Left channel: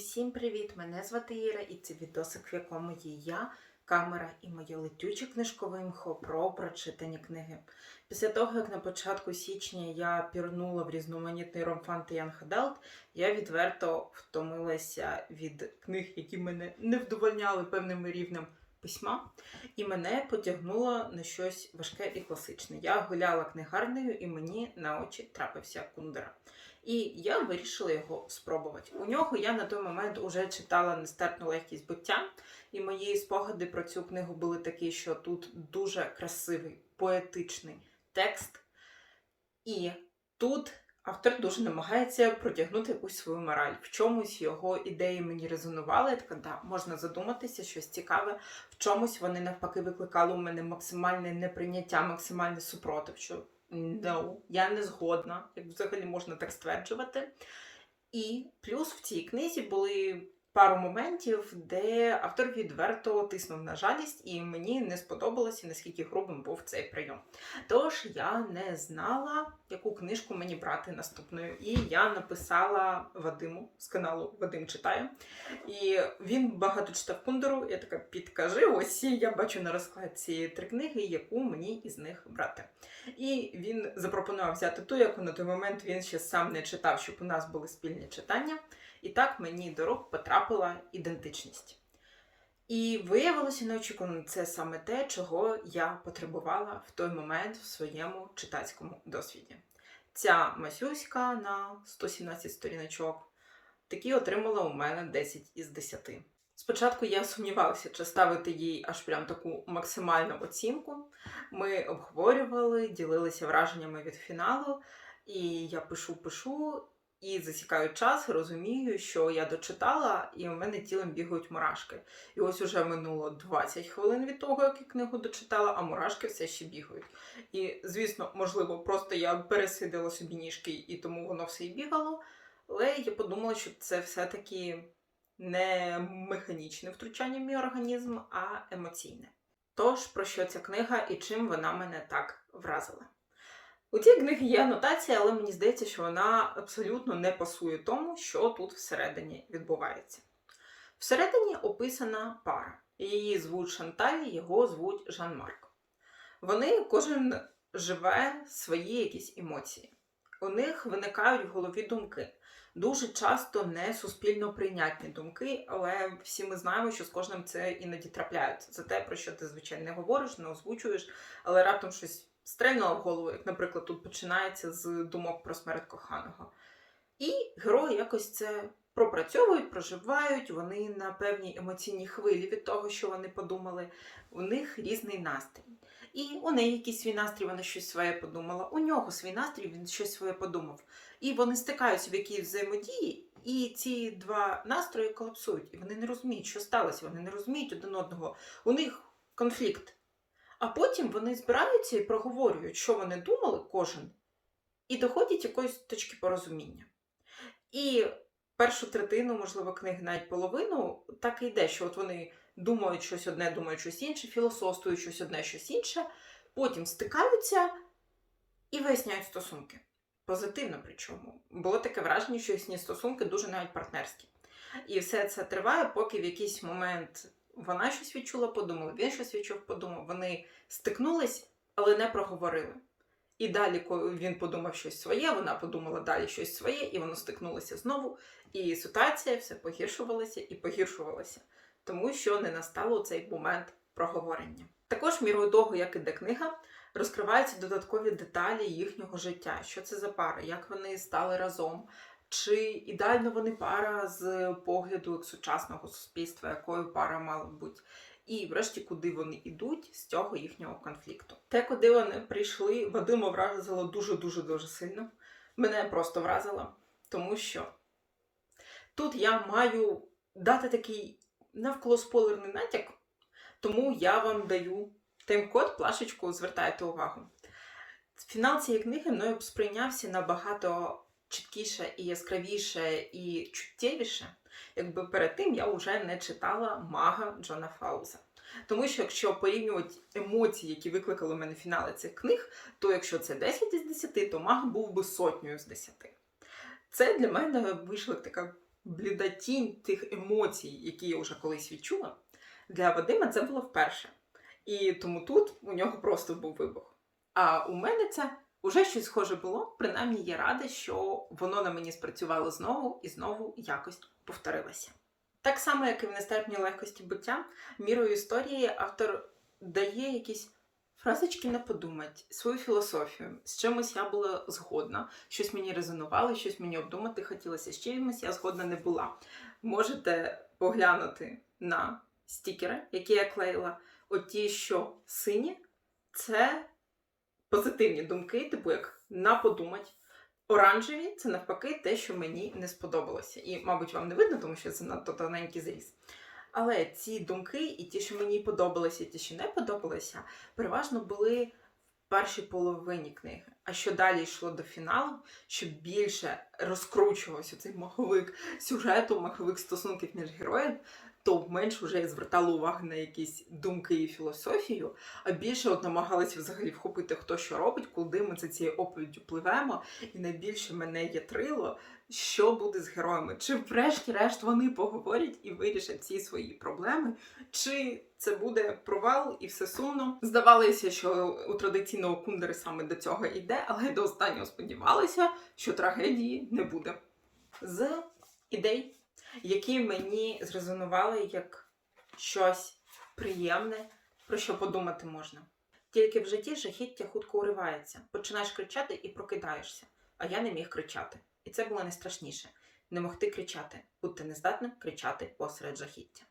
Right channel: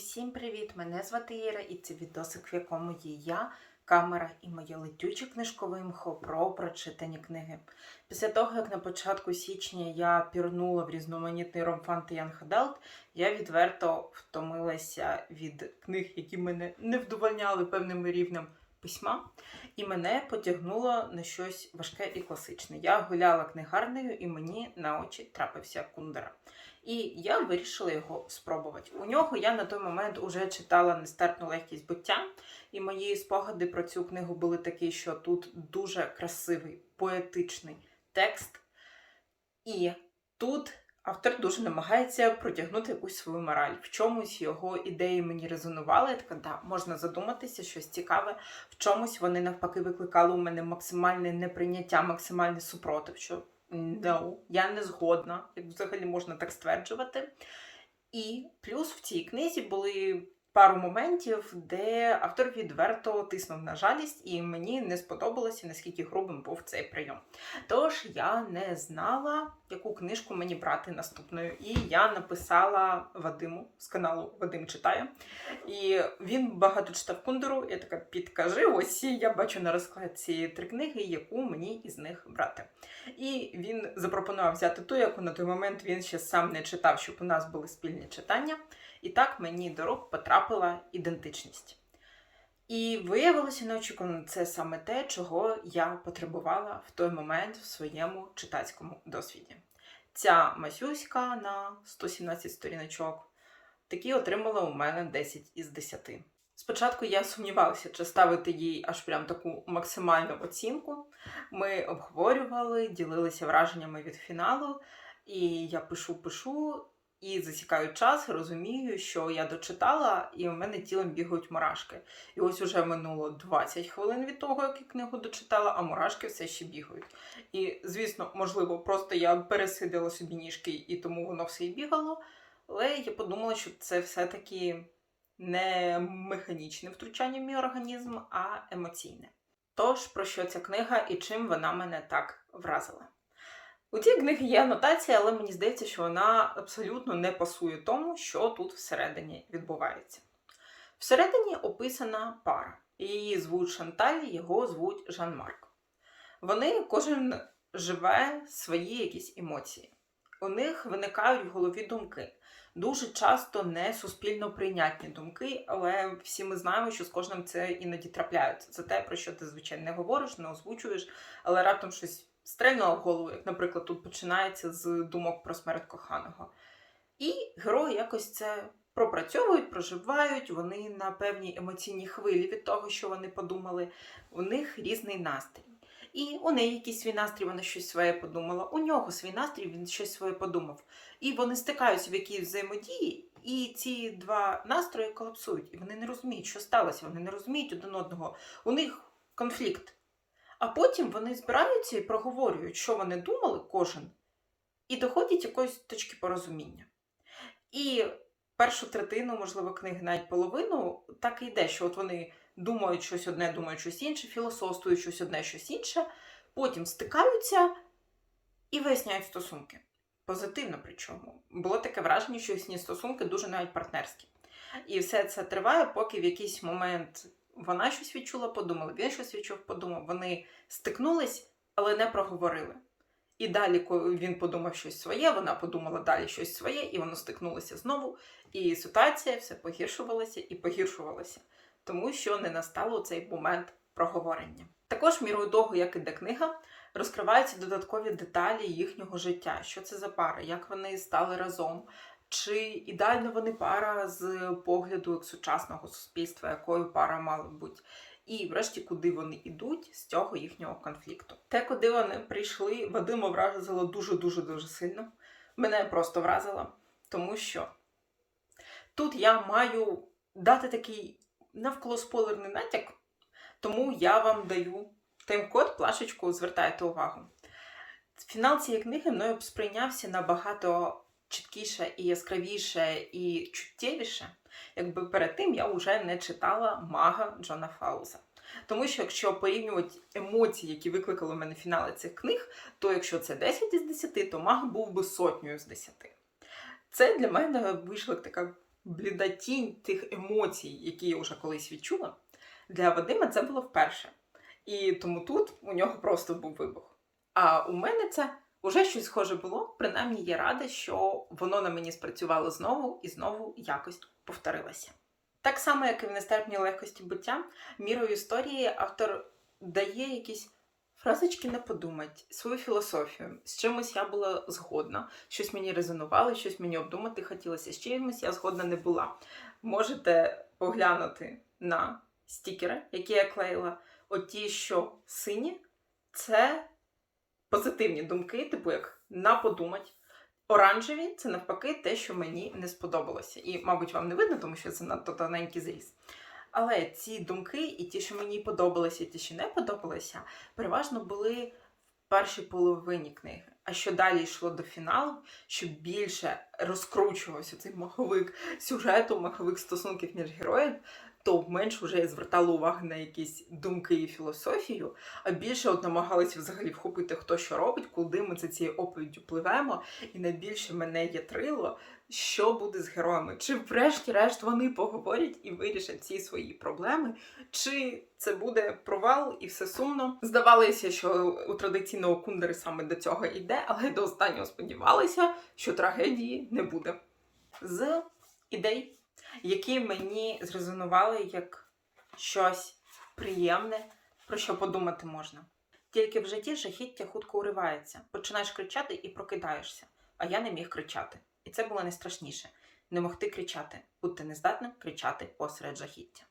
Усім привіт! Мене звати Іра, і це відосик, в якому є я, камера і моє летюче книжкове мхо про прочитані книги. Після того, як на початку січня я пірнула в різноманітний ромфан та Adult, я відверто втомилася від книг, які мене не вдовольняли певним рівнем письма, і мене потягнуло на щось важке і класичне. Я гуляла книгарнею, і мені на очі трапився кундера. І я вирішила його спробувати. У нього я на той момент уже читала нестерпну легкість буття, і мої спогади про цю книгу були такі, що тут дуже красивий, поетичний текст. І тут автор дуже намагається протягнути якусь свою мораль. В чомусь його ідеї мені резонували. Я така, да, можна задуматися, щось цікаве. В чомусь вони навпаки викликали у мене максимальне неприйняття, максимальний супротив. що No, я не згодна, як взагалі можна так стверджувати. І плюс в цій книзі були пару моментів, де автор відверто тиснув на жалість, і мені не сподобалося, наскільки грубим був цей прийом. Тож я не знала, яку книжку мені брати наступною. І я написала Вадиму з каналу Вадим читає. І він багато читав кундеру. Я така підкажи, ось я бачу на розкладці три книги, яку мені із них брати. І він запропонував взяти ту, яку на той момент він ще сам не читав, щоб у нас були спільні читання. І так мені до рук потрапила ідентичність. І виявилося неочікувано, це саме те, чого я потребувала в той момент в своєму читацькому досвіді. Ця масюська на 117 сторіночок такі отримала у мене 10 із 10. Спочатку я сумнівалася, чи ставити їй аж прям таку максимальну оцінку. Ми обговорювали, ділилися враженнями від фіналу, і я пишу, пишу, і засікаю час, розумію, що я дочитала, і у мене тілом бігають мурашки. І ось уже минуло 20 хвилин від того, як я книгу дочитала, а мурашки все ще бігають. І, звісно, можливо, просто я пересидила собі ніжки, і тому воно все і бігало. Але я подумала, що це все-таки не механічне втручання в мій організм, а емоційне. Тож, про що ця книга і чим вона мене так вразила? У цій книгі є анотація, але мені здається, що вона абсолютно не пасує тому, що тут всередині відбувається. Всередині описана пара. Її звуть Шанталь, його звуть Жан-Марк. Вони кожен живе свої якісь емоції. У них виникають в голові думки. Дуже часто не суспільно прийнятні думки, але всі ми знаємо, що з кожним це іноді трапляється. Це те, про що ти, звичайно, не говориш, не озвучуєш, але раптом щось стрельнуло в голову, як, наприклад, тут починається з думок про смерть коханого. І герої якось це пропрацьовують, проживають, вони на певній емоційній хвилі від того, що вони подумали. У них різний настрій. І у неї якийсь свій настрій, вона щось своє подумала. У нього свій настрій, він щось своє подумав. І вони стикаються в якійсь взаємодії, і ці два настрої колапсують. І вони не розуміють, що сталося. Вони не розуміють один одного. У них конфлікт. А потім вони збираються і проговорюють, що вони думали, кожен, і доходять якоїсь точки порозуміння. І першу третину, можливо, книги, навіть половину, так і йде, що от вони думають щось одне, думають щось інше, філософствують щось одне, щось інше, потім стикаються і виясняють стосунки. Позитивно, причому. Було таке враження, що їхні стосунки дуже навіть партнерські. І все це триває, поки в якийсь момент вона щось відчула, подумала, він щось відчув, подумав. Вони стикнулись, але не проговорили. І далі, коли він подумав щось своє, вона подумала далі щось своє, і воно стикнулося знову. І ситуація все погіршувалася і погіршувалася, тому що не настало цей момент проговорення. Також мірою того, як іде книга, розкриваються додаткові деталі їхнього життя. Що це за пара, як вони стали разом, чи ідеально вони пара з погляду як сучасного суспільства, якою пара мала бути. І, врешті, куди вони йдуть з цього їхнього конфлікту. Те, куди вони прийшли, Вадима вразило дуже-дуже дуже сильно. Мене просто вразило, тому що тут я маю дати такий навколо спойлерний натяк, тому я вам даю тайм-код, плашечку, звертайте увагу. Фінал цієї книги мною сприйнявся набагато чіткіше і яскравіше і чуттєвіше, якби перед тим я вже не читала мага Джона Фауза. Тому що якщо порівнювати емоції, які викликали у мене фінали цих книг, то якщо це 10 із 10, то маг був би сотнею з 10. Це для мене вийшла така бліда тінь тих емоцій, які я вже колись відчула, для Вадима це було вперше. І тому тут у нього просто був вибух. А у мене це вже щось схоже було. Принаймні, я рада, що воно на мені спрацювало знову і знову якось повторилося. Так само, як і в нестерпній легкості буття, мірою історії автор дає якісь фразочки не подумать, свою філософію. З чимось я була згодна, щось мені резонувало, щось мені обдумати хотілося, з чимось я згодна не була. Можете поглянути на стікери, які я клеїла. Оті, що сині, це позитивні думки, типу як на подумать. Оранжеві це навпаки те, що мені не сподобалося. І, мабуть, вам не видно, тому що це надто тоненький зріз. Але ці думки, і ті, що мені подобалися, і ті, що не подобалися, переважно були в першій половині книги. А що далі йшло до фіналу, що більше розкручувався цей маховик сюжету, маховик стосунків між героями, то менш вже я звертала увагу на якісь думки і філософію, а більше от намагалася взагалі вхопити, хто що робить, куди ми за цією оповіддю пливемо, і найбільше мене ятрило, що буде з героями. Чи врешті-решт вони поговорять і вирішать ці свої проблеми, чи це буде провал і все сумно. Здавалося, що у традиційного кундери саме до цього йде, але до останнього сподівалася, що трагедії не буде. З ідей які мені зрезонували як щось приємне, про що подумати можна. Тільки в житті жахіття хутко уривається, починаєш кричати і прокидаєшся, а я не міг кричати. І це було найстрашніше не могти кричати, бути нездатним кричати посеред жахіття.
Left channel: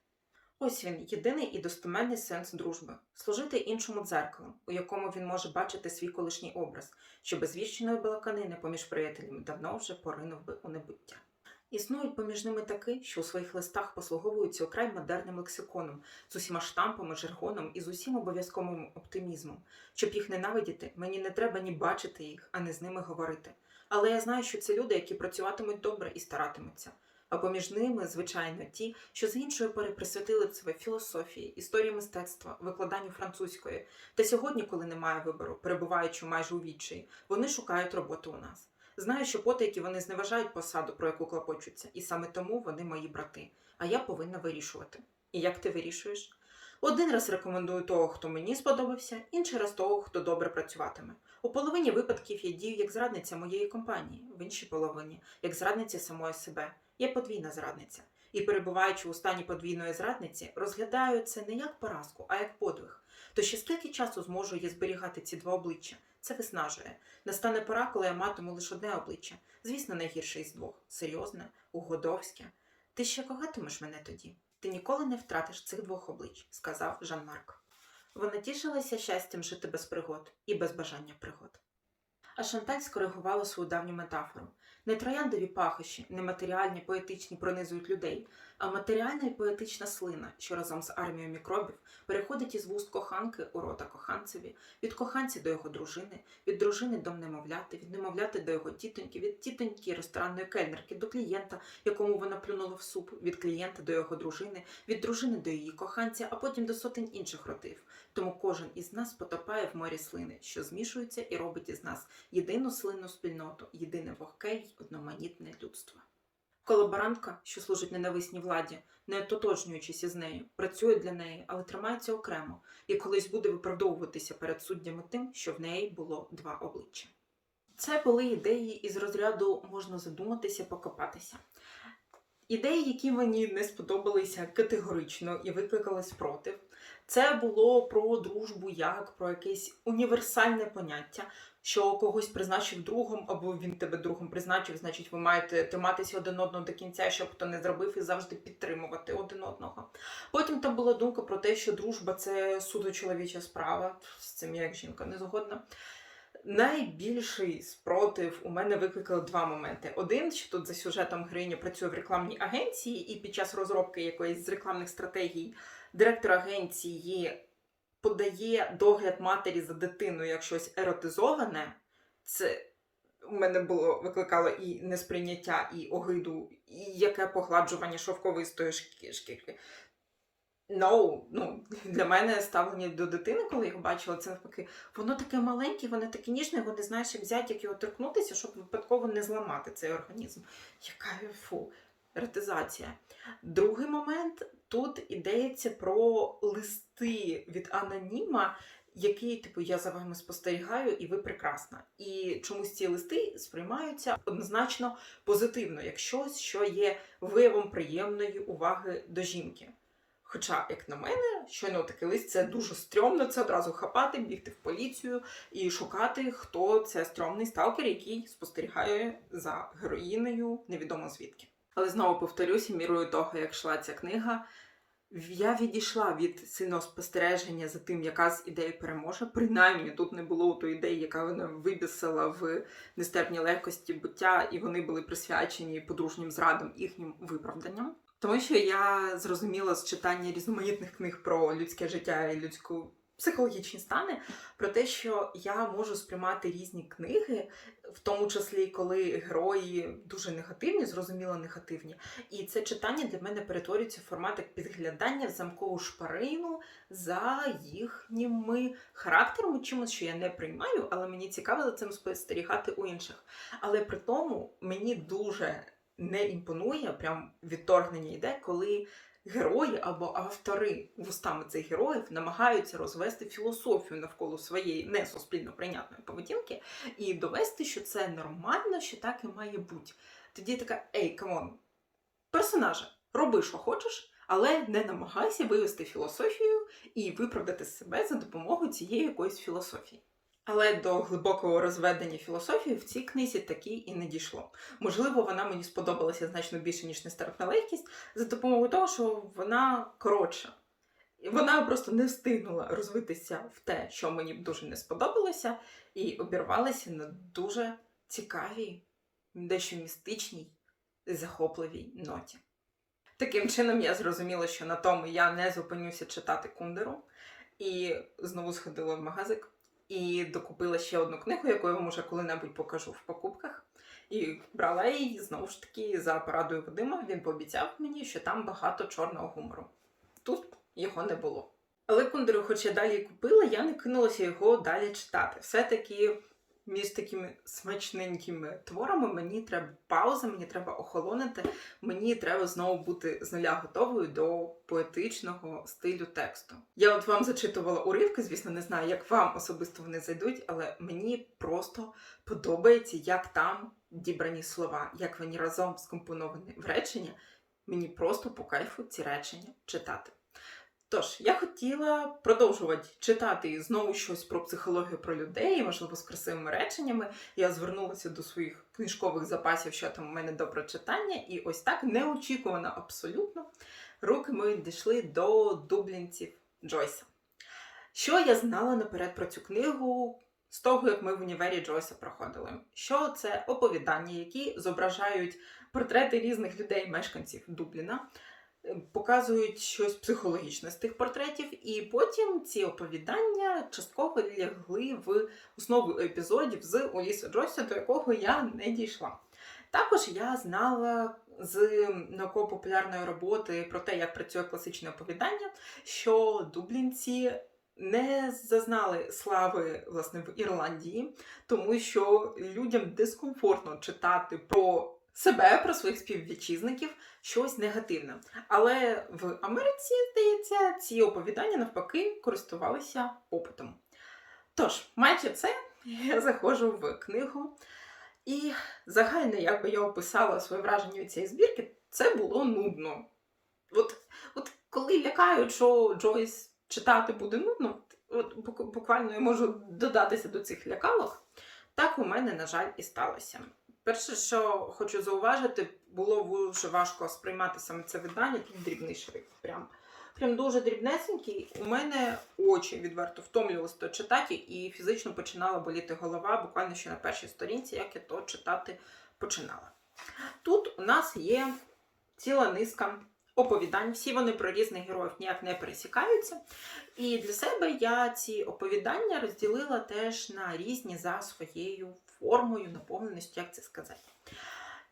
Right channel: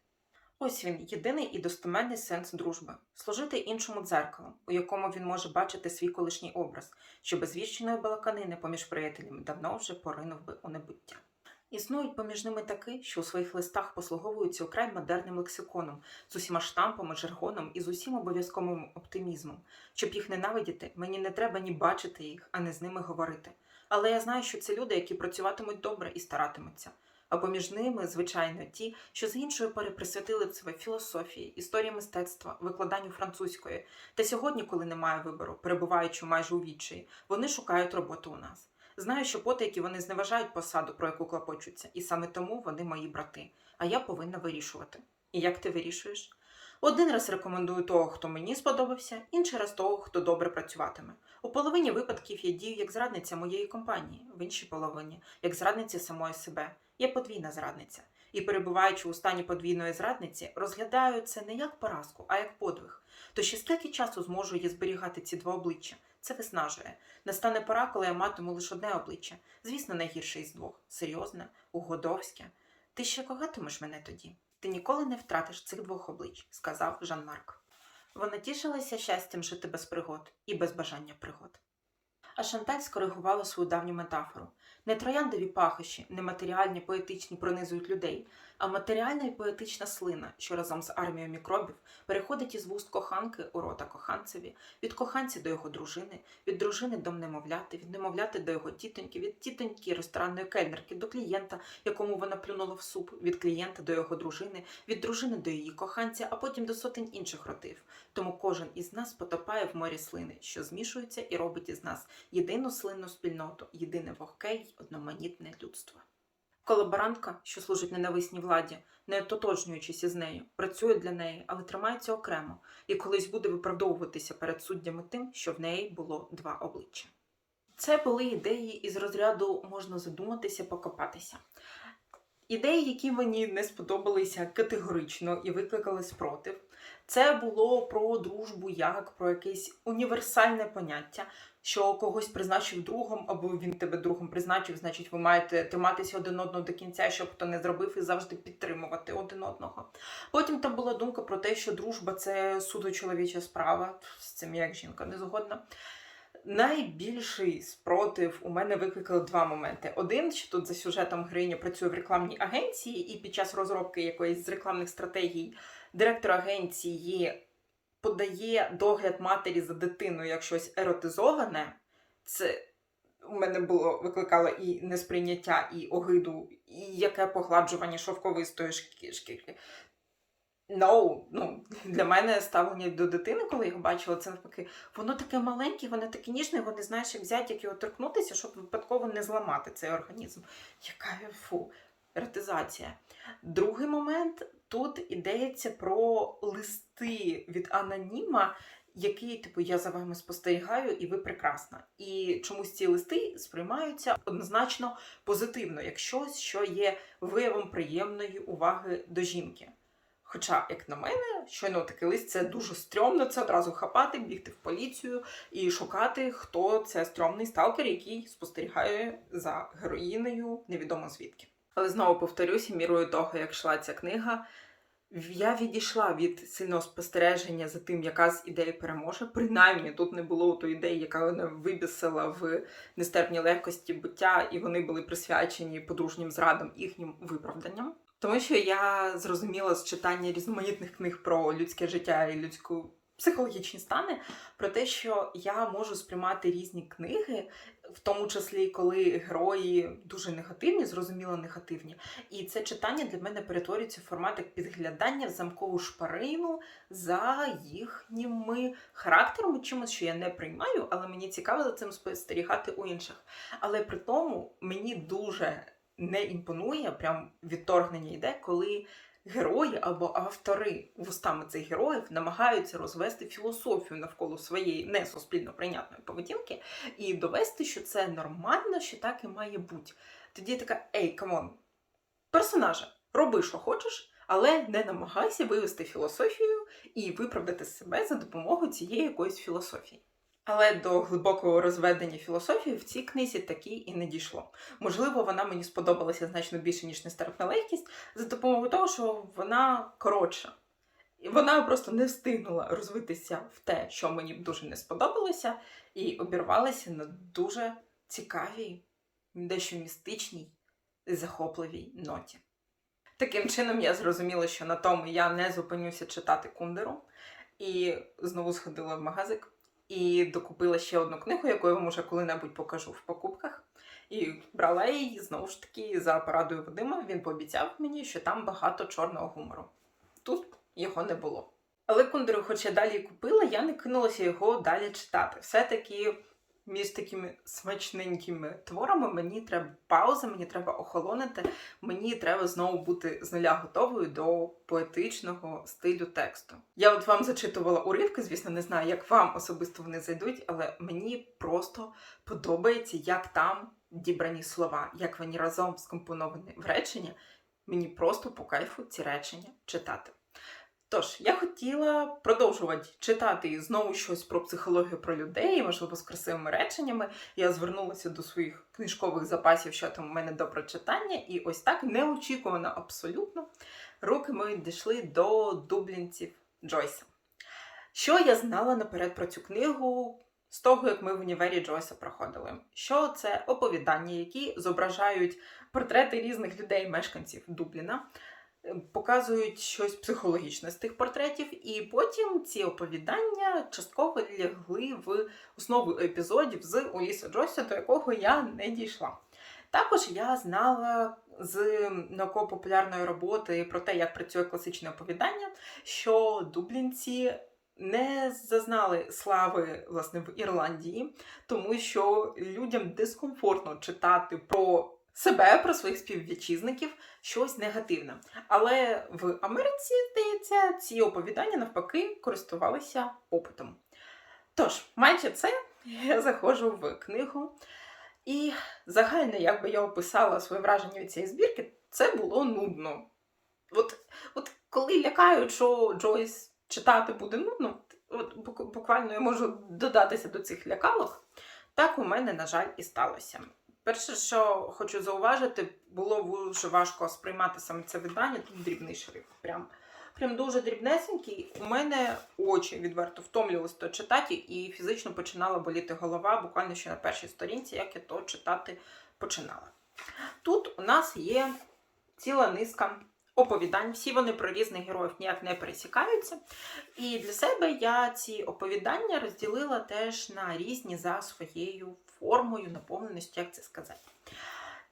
Ось він, єдиний і достеменний сенс дружби служити іншому дзеркалом, у якому він може бачити свій колишній образ, що без віщеної балаканини поміж приятелями давно вже поринув би у небуття. Існують поміж ними таки, що у своїх листах послуговуються украй модерним лексиконом, з усіма штампами, жаргоном і з усім обов'язковим оптимізмом. Щоб їх ненавидіти, мені не треба ні бачити їх, а не з ними говорити. Але я знаю, що це люди, які працюватимуть добре і старатимуться. А поміж ними, звичайно, ті, що з іншої пори присвятили себе філософії, історії мистецтва, викладанню французької. Та сьогодні, коли немає вибору, перебуваючи майже у відчаї, вони шукають роботу у нас. Знаю, що потайки вони зневажають посаду, про яку клопочуться, і саме тому вони мої брати. А я повинна вирішувати. І як ти вирішуєш? Один раз рекомендую того, хто мені сподобався, інший раз того, хто добре працюватиме. У половині випадків я дію як зрадниця моєї компанії, в іншій половині як зрадниця самої себе. Я подвійна зрадниця. І, перебуваючи у стані подвійної зрадниці, розглядаю це не як поразку, а як подвиг. То ще скільки часу зможу я зберігати ці два обличчя? Це виснажує. Настане пора, коли я матиму лише одне обличчя. Звісно, найгірше із двох серйозне, угодовське. Ти ще когатимеш мене тоді? Ти ніколи не втратиш цих двох облич, сказав Жан Марк. Вона тішилася щастям жити без пригод і без бажання пригод. А Шанталь скоригувала свою давню метафору. Не трояндові пахощі, нематеріальні, поетичні пронизують людей, матеріальна і поетична слина, що разом з армією мікробів переходить із вуст коханки у рота коханцеві, від коханця до його дружини, від дружини до немовляти, від немовляти до його тітоньки, від тітоньки ресторанної кельнерки до клієнта, якому вона плюнула в суп, від клієнта до його дружини, від дружини до її коханця, а потім до сотень інших ротів. Тому кожен із нас потопає в морі слини, що змішується і робить із нас єдину слинну спільноту, єдине вогке й одноманітне людство. Колаборантка, що служить ненависній владі, не ототожнюючись із нею, працює для неї, але тримається окремо і колись буде виправдовуватися перед суддями тим, що в неї було два обличчя. Це були ідеї із розряду можна задуматися, покопатися. Ідеї, які мені не сподобалися категорично і викликали спротив. Це було про дружбу як про якесь універсальне поняття, що когось призначив другом, або він тебе другом призначив, значить, ви маєте триматися один одного до кінця, щоб хто не зробив, і завжди підтримувати один одного. Потім там була думка про те, що дружба це суто чоловіча справа. З цим як жінка не згодна. Найбільший спротив у мене викликали два моменти. Один, що тут за сюжетом героїня працює в рекламній агенції, і під час розробки якоїсь з рекламних стратегій директор агенції подає догляд матері за дитиною як щось еротизоване. Це у мене було викликало і несприйняття, і огиду, і яке погладжування шовковистої шкі- шкірки. No, ну, для мене ставлення до дитини, коли я його бачила, це навпаки, воно таке маленьке, воно таке ніжне, вони знаєш, як взяти, як його торкнутися, щоб випадково не зламати цей організм. Яка фу. Ретизація. Другий момент тут ідеться про листи від аноніма, який, типу, я за вами спостерігаю, і ви прекрасна. І чомусь ці листи сприймаються однозначно позитивно, як щось, що є виявом приємної уваги до жінки. Хоча, як на мене, щойно такий лист це дуже стрьомно, це одразу хапати, бігти в поліцію і шукати, хто це стрьомний сталкер, який спостерігає за героїнею невідомо звідки. Але знову повторюся, мірою того, як йшла ця книга, я відійшла від сильного спостереження за тим, яка з ідей переможе. Принаймні тут не було тої ідеї, яка вона вибісила в нестерпній легкості буття, і вони були присвячені подружнім зрадам їхнім виправданням. Тому що я зрозуміла з читання різноманітних книг про людське життя і людську психологічні стани, про те, що я можу сприймати різні книги, в тому числі коли герої дуже негативні, зрозуміло негативні. І це читання для мене перетворюється в формат як підглядання в замкову шпарину за їхніми характерами, чимось, що я не приймаю, але мені цікаво за цим спостерігати у інших. Але при тому мені дуже не імпонує, прям відторгнення йде, коли герої або автори вустами цих героїв намагаються розвести філософію навколо своєї не суспільно прийнятної поведінки і довести, що це нормально, що так і має бути. Тоді така, ей, камон, персонаже, роби, що хочеш, але не намагайся вивести філософію і виправдати себе за допомогою цієї якоїсь філософії. Але до глибокого розведення філософії в цій книзі таки і не дійшло. Можливо, вона мені сподобалася значно більше, ніж нестерпна легкість, за допомогою того, що вона коротша. І вона просто не встигнула розвитися в те, що мені б дуже не сподобалося, і обірвалася на дуже цікавій, дещо містичній і захопливій ноті. Таким чином, я зрозуміла, що на тому я не зупинюся читати Кундеру, і знову сходила в магазик і докупила ще одну книгу, яку я вам уже коли-небудь покажу в покупках. І брала її знову ж таки за порадою Вадима. Він пообіцяв мені, що там багато чорного гумору. Тут його не було. Але Кундеру, хоч я далі купила, я не кинулася його далі читати. Все-таки між такими смачненькими творами мені треба пауза, мені треба охолонити, мені треба знову бути з нуля готовою до поетичного стилю тексту. Я от вам зачитувала уривки, звісно, не знаю, як вам особисто вони зайдуть, але мені просто подобається, як там дібрані слова, як вони разом скомпоновані в речення. Мені просто по кайфу ці речення читати. Тож, я хотіла продовжувати читати знову щось про психологію про людей, можливо, з красивими реченнями. Я звернулася до своїх книжкових запасів, що там у мене до прочитання, і ось так неочікувано абсолютно руки мої дійшли до дублінців Джойса. Що я знала наперед про цю книгу з того, як ми в універі Джойса проходили? Що це оповідання, які зображають портрети різних людей, мешканців Дубліна показують щось психологічне з тих портретів, і потім ці оповідання частково лягли в основу епізодів з Уліса Джойса, до якого я не дійшла. Також я знала з науково-популярної роботи про те, як працює класичне оповідання, що дублінці не зазнали слави власне в Ірландії, тому що людям дискомфортно читати про себе, про своїх співвітчизників щось негативне. Але в Америці, здається, ці оповідання навпаки користувалися попитом. Тож, маючи це, я заходжу в книгу. І загально, як би я описала своє враження від цієї збірки, це було нудно. От, от коли лякають, що Джойс читати буде нудно, от буквально я можу додатися до цих лякалок, так у мене, на жаль, і сталося. Перше, що хочу зауважити, було дуже важко сприймати саме це видання, тут дрібний шрифт. Прям прям дуже дрібнесенький. У мене очі відверто втомлювалися то читати, і фізично починала боліти голова, буквально ще на першій сторінці, як я то читати починала. Тут у нас є ціла низка оповідань, всі вони про різних героїв ніяк не пересікаються. І для себе я ці оповідання розділила теж на різні за своєю формою, наповненості, як це сказати.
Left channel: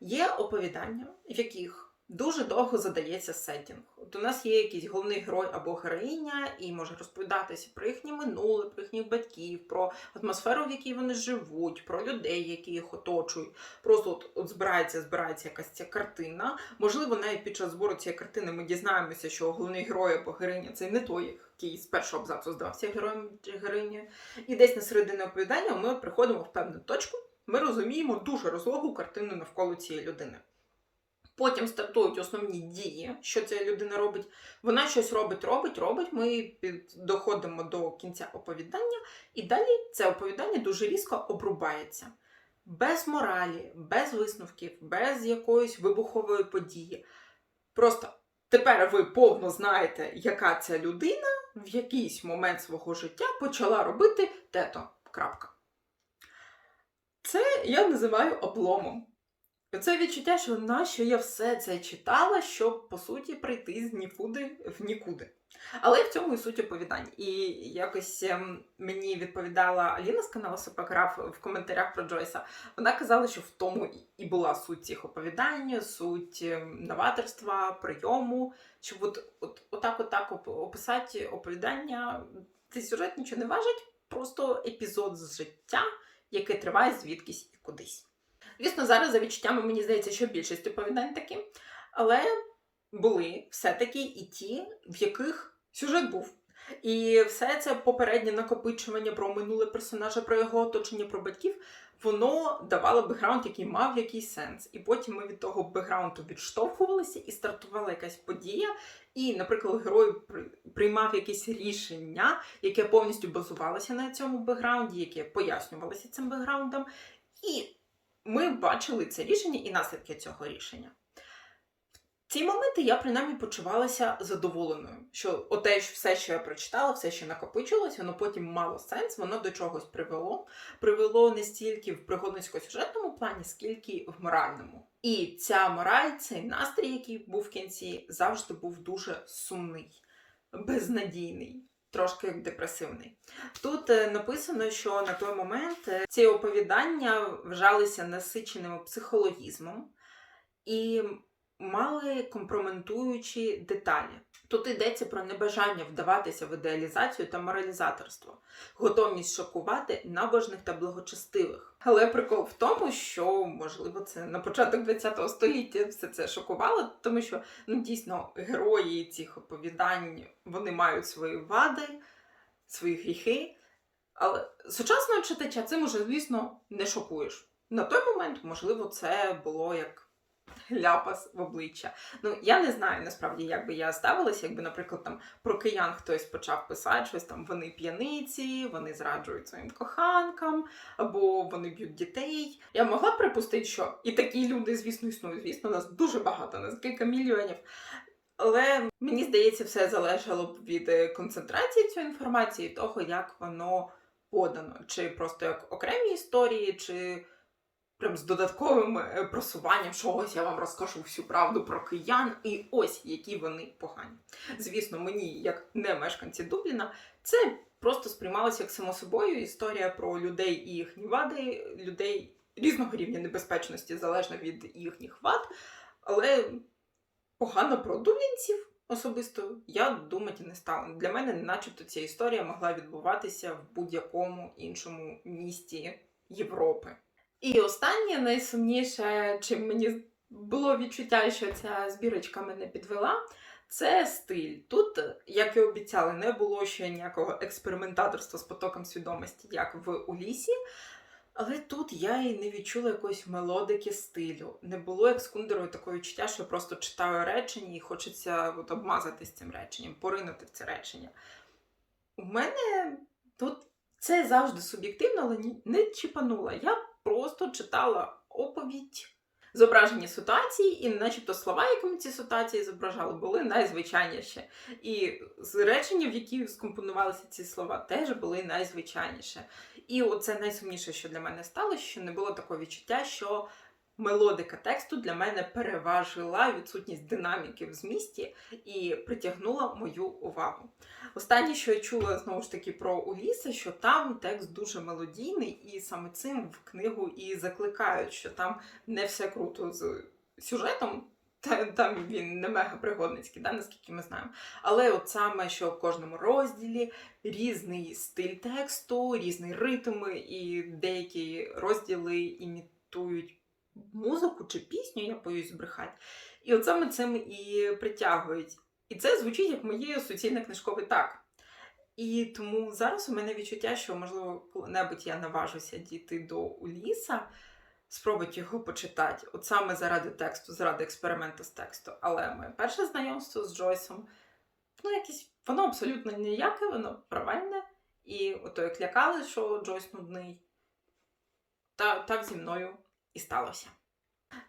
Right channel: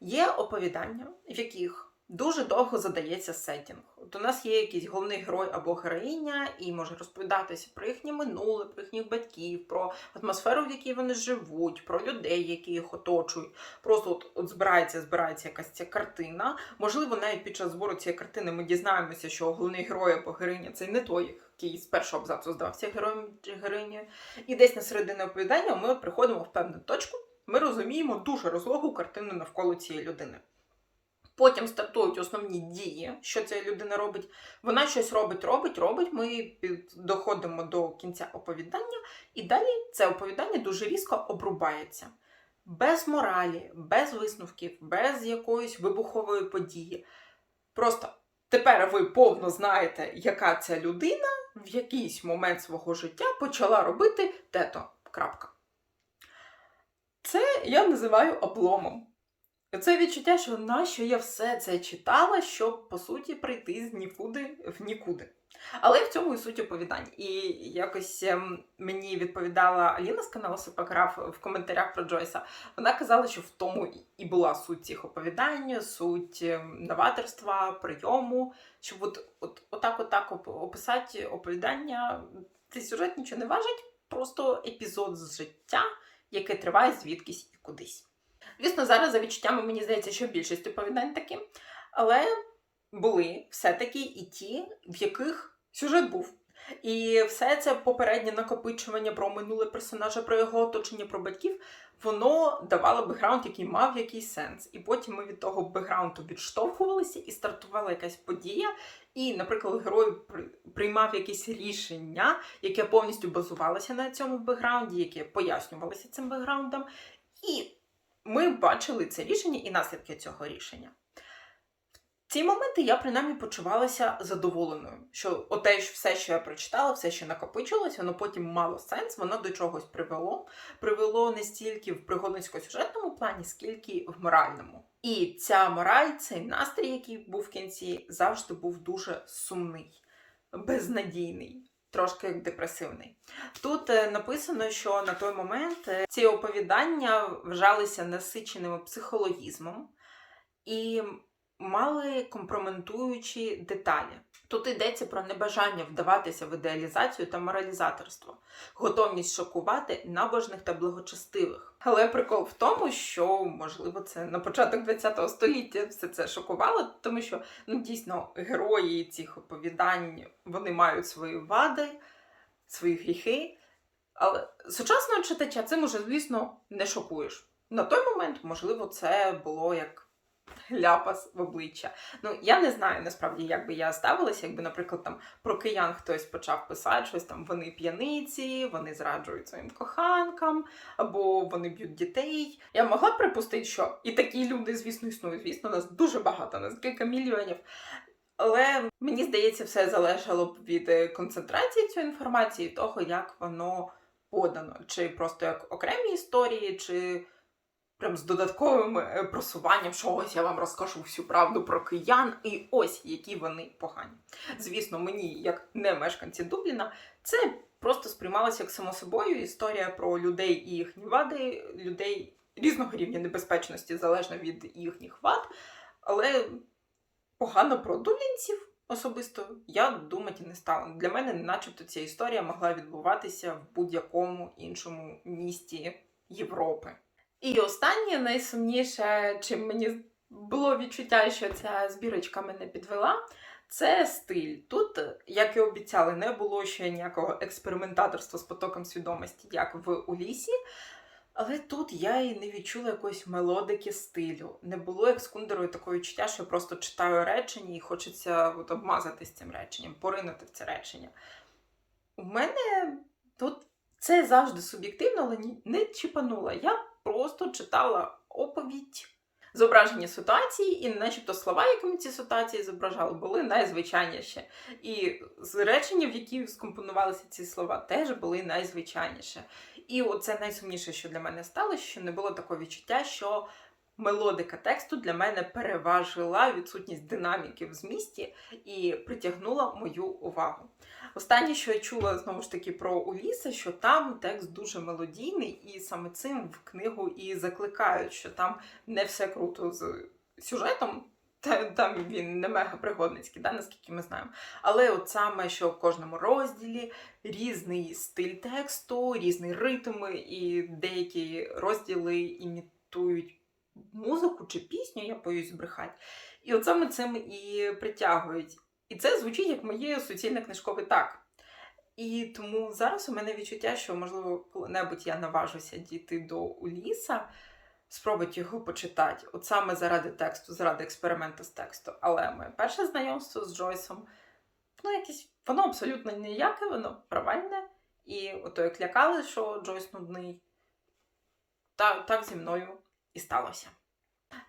Є оповідання, в яких дуже довго задається сеттінг. От у нас є якийсь головний герой або героїня, і може розповідатися про їхнє минуле, про їхніх батьків, про атмосферу, в якій вони живуть, про людей, які їх оточують. Просто от, от збирається, збирається якась ця картина. Можливо, навіть під час збору цієї картини ми дізнаємося, що головний герой або героїня це не той, який з першого абзацу здався героєм чи героїнею. І десь на середині оповідання ми приходимо в певну точку. Ми розуміємо дуже розлогу картину навколо цієї людини. Потім стартують основні дії, що ця людина робить. Вона щось робить, робить, робить. Ми доходимо до кінця оповідання, і далі це оповідання дуже різко обрубається. Без моралі, без висновків, без якоїсь вибухової події. Просто тепер ви повно знаєте, яка ця людина в якийсь момент свого життя почала робити тето. Крапка. Це я називаю обломом. Це відчуття, що нащо я все це читала, щоб по суті прийти з нікуди в нікуди. Але в цьому і суть оповідань. І якось ем, мені відповідала Аліна з каналу Супаграф в коментарях про Джойса. Вона казала, що в тому і- була суть цих оповідань, суть ем, новаторства, прийому, щоб от, от, отак, отак описати оповідання. Цей сюжет нічого не важить, просто епізод з життя, яке триває звідкись і кудись. Звісно, зараз за відчуттями мені здається, що більшість оповідань такі, але були все-таки і ті, в яких сюжет був. І все це попереднє накопичування про минуле персонажа, про його оточення, про батьків, воно давало бекграунд, який мав якийсь сенс. І потім ми від того бекграунду відштовхувалися і стартувала якась подія. І, наприклад, герой при- приймав якесь рішення, яке повністю базувалося на цьому бекграунді, яке пояснювалося цим бекграундом. І ми бачили це рішення і наслідки цього рішення. Ці моменти я принаймні почувалася задоволеною, що оте ж все, що я прочитала, все, що накопичилось, воно потім мало сенс, воно до чогось привело. Привело не стільки в пригодницько-сюжетному плані, скільки в моральному. І ця мораль, цей настрій, який був в кінці, завжди був дуже сумний, безнадійний. Трошки депресивний. Тут е, написано, що на той момент е, ці оповідання вважалися насиченими психологізмом і мали компрометуючі деталі. Тут йдеться про небажання вдаватися в ідеалізацію та моралізаторство, готовність шокувати набожних та благочестивих. Але прикол в тому, що можливо це на початок ХХ століття все це шокувало, тому що ну дійсно герої цих оповідань вони мають свої вади, свої гріхи. Але сучасного читача цим уже, звісно, не шокуєш. На той момент, можливо, це було як ляпас в обличчя. Ну, я не знаю насправді, як би я ставилася, якби, наприклад, там про киян хтось почав писати щось там, вони п'яниці, вони зраджують своїм коханкам, або вони б'ють дітей. Я могла б припустити, що і такі люди, звісно, існують. Звісно, нас дуже багато, нас кілька мільйонів. Але мені здається, все залежало б від е, концентрації цієї інформації, того, як воно подано, чи просто як окремі історії, чи прям з додатковим е, просуванням, що ось я вам розкажу всю правду про киян, і ось які вони погані. Звісно, мені, як не мешканці Дубліна, це просто сприймалося як само собою історія про людей і їхні вади, людей різного рівня небезпечності залежно від їхніх вад, але погано про дублінців. Особисто я думати не стала. Для мене, начебто, ця історія могла відбуватися в будь-якому іншому місті Європи. І останнє найсумніше, чим мені було відчуття, що ця збірочка мене підвела, це стиль. Тут, як і обіцяли, не було ще ніякого експериментаторства з потоком свідомості, як в Улісі. Але тут я і не відчула якоїсь мелодики стилю. Не було як з Кундерою такого відчуття, що я просто читаю речення і хочеться от, обмазатись цим реченням, поринути в це речення. У мене тут це завжди суб'єктивно, але не чіпанула. Я просто читала оповідь, зображення ситуації, і начебто слова, якими ці ситуації зображали, були найзвичайніші. І речення, в які скомпонувалися ці слова, теж були найзвичайніші. І оце найсумніше, що для мене стало, що не було такого відчуття, що мелодика тексту для мене переважила відсутність динаміки в змісті і притягнула мою увагу. Останнє, що я чула знову ж таки про Уліса, що там текст дуже мелодійний, і саме цим в книгу і закликають, що там не все круто з сюжетом. там він не мега пригодницький, да, наскільки ми знаємо. Але от саме, що в кожному розділі різний стиль тексту, різний ритм, і деякі розділи імітують музику чи пісню, я боюсь збрехати. І от саме цим і притягують. І це звучить як моє суцільне книжкове так. І тому зараз у мене відчуття, що, можливо, коли-небудь я наважуся дійти до Уліса, спробувати його почитати, от саме заради тексту, заради експерименту з тексту. Але моє перше знайомство з Джойсом, ну, якесь, воно абсолютно ніяке, воно провальне. І ото як лякали, що Джойс нудний, та, так зі мною і сталося.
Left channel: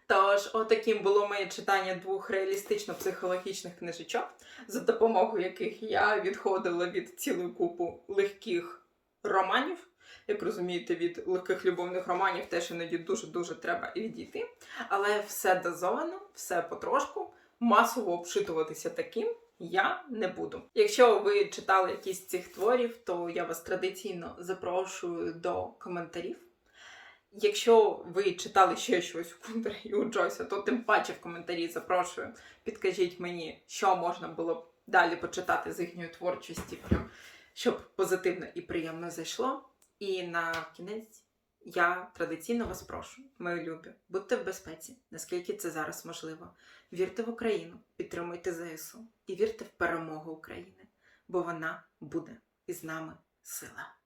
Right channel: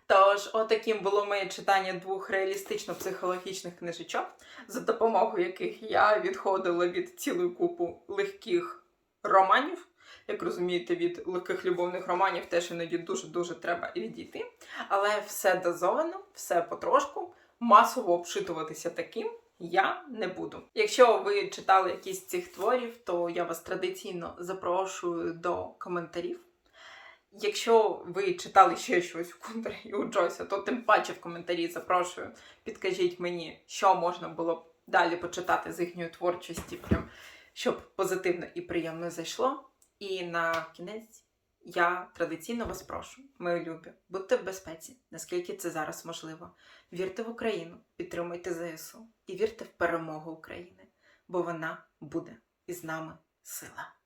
Тож, отаким було моє читання двох реалістично-психологічних книжечок, за допомогою яких я відходила від цілої купу легких романів. Як розумієте, від легких любовних романів теж іноді дуже-дуже треба відійти. Але все дозовано, все потрошку, масово обшитуватися таким я не буду. Якщо ви читали якісь з цих творів, то я вас традиційно запрошую до коментарів. Якщо ви читали ще щось у Кундера і у Джойса, то тим паче в коментарі запрошую. Підкажіть мені, що можна було б далі почитати з їхньої творчості, прям, щоб позитивно і приємно зайшло. І на кінець я традиційно вас прошу, мої любі, будьте в безпеці, наскільки це зараз можливо. Вірте в Україну, підтримуйте ЗСУ і вірте в перемогу України, бо вона буде із нами сила.